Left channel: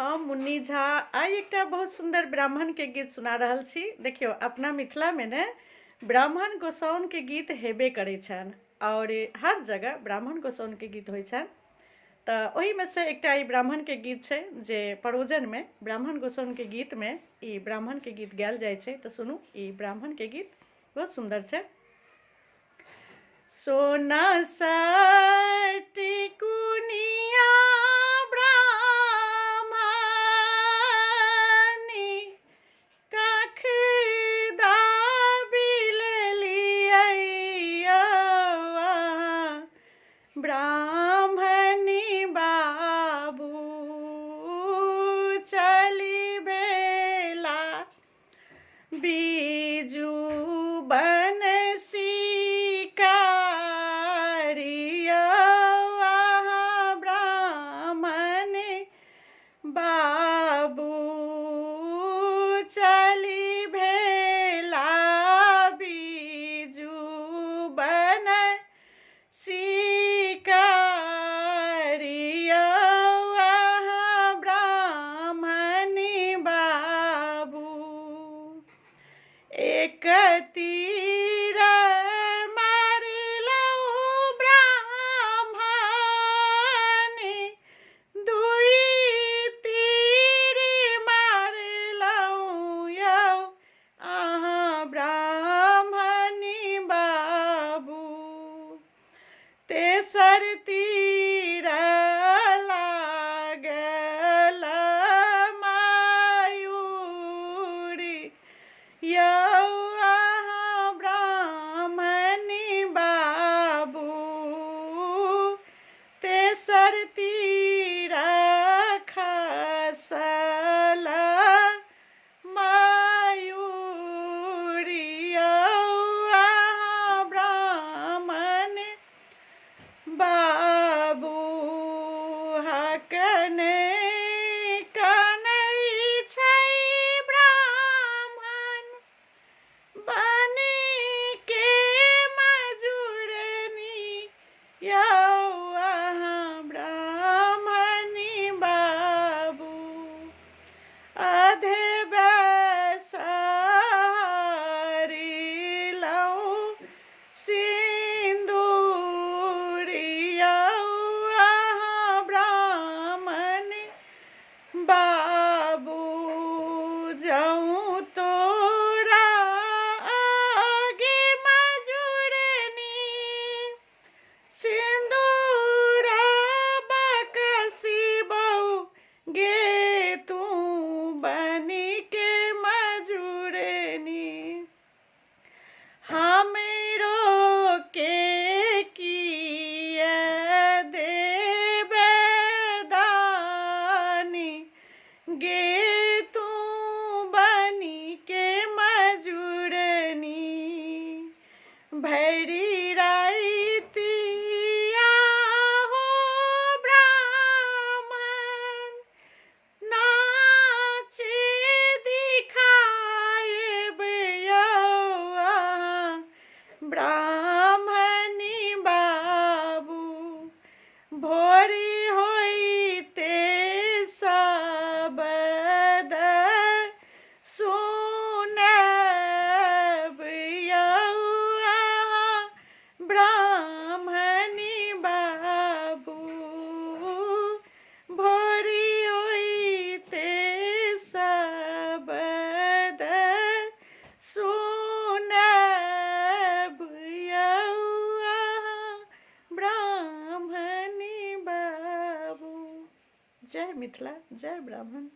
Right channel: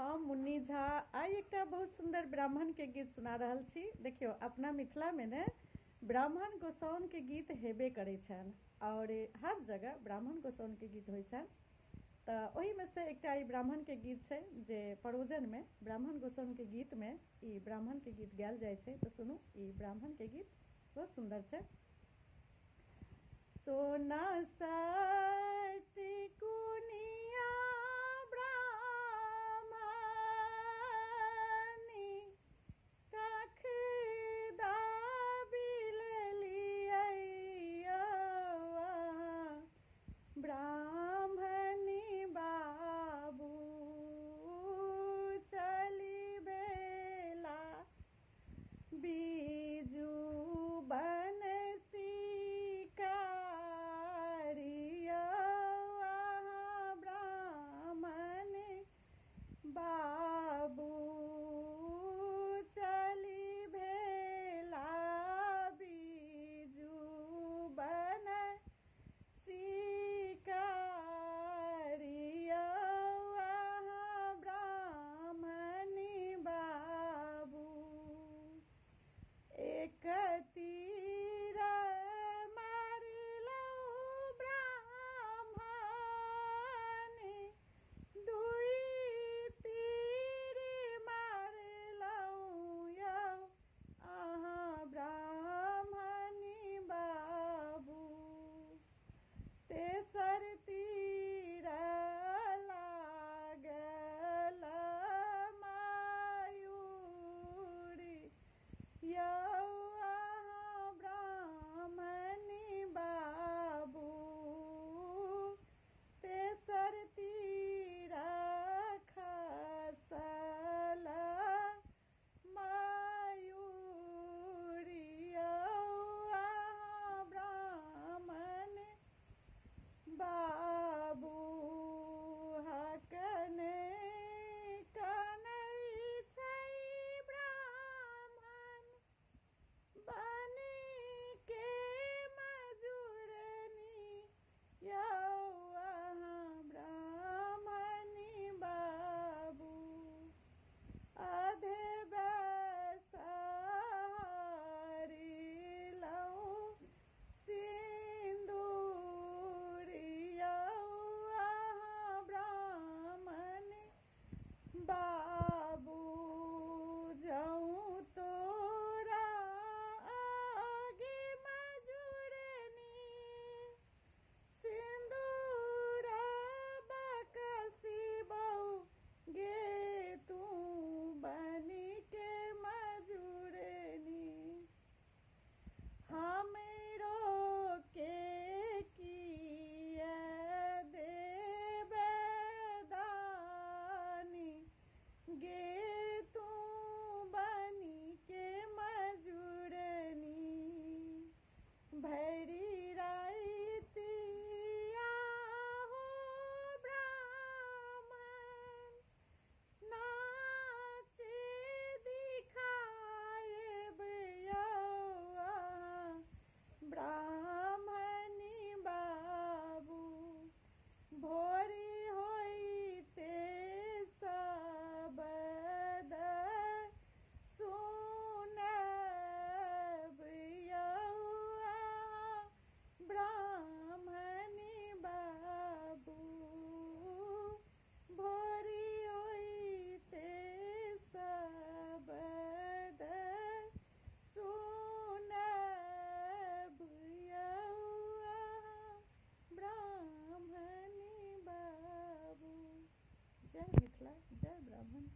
हम मुन्नी झा आइ एकटा बहुत सुंदर ब्राह्मण के गीत सुना रहल छी। देखियो अपना मिथिला में ने ब्राह्मण गोसाउन के गीत हेबे करै छनि और हर जगह ब्राह्मण गोसाउन के गीत होइ छनि। तऽ ओही में से एकटा ई ब्राह्मण के गीत छै जे परोजन में ब्राह्मण गोसाउन के गीत में ई ब्राह्मण के गीत गायल जाइ छै। तऽ सुनू ई ब्राह्मण के गीत बहुत सुंदर छै। सोना सटी कुनिया ब्राह्मणी बाबू चली बेला बीजू बनसी कारिया ब्राह्मण बाबू चली भेला बीजू बनसी एक तीर मारलौ ब्राह्मण दुई तीर मारलौ यौ अहाँ ब्राह्मणी बाबू तेसर तीर लागल मायूरी यौ तेसर तीर खसल मयूरी ब्राह्मण बाबू हकने कनै छै ब्राह्मण बनी के मजूरनी यौ बाबू जाऊं तोरा आगे मजूरनी सिंदूर बकसी बहू गे तू बनी के मजूरनी हमरो के गे तू बनी के मजूरनी भैरी रातिया हो ब्राह्मण नाचे दिखाएब यौ ब्राह्मणी बाबू भोरी होइते जय मिथिला, जय ब्राह्मण।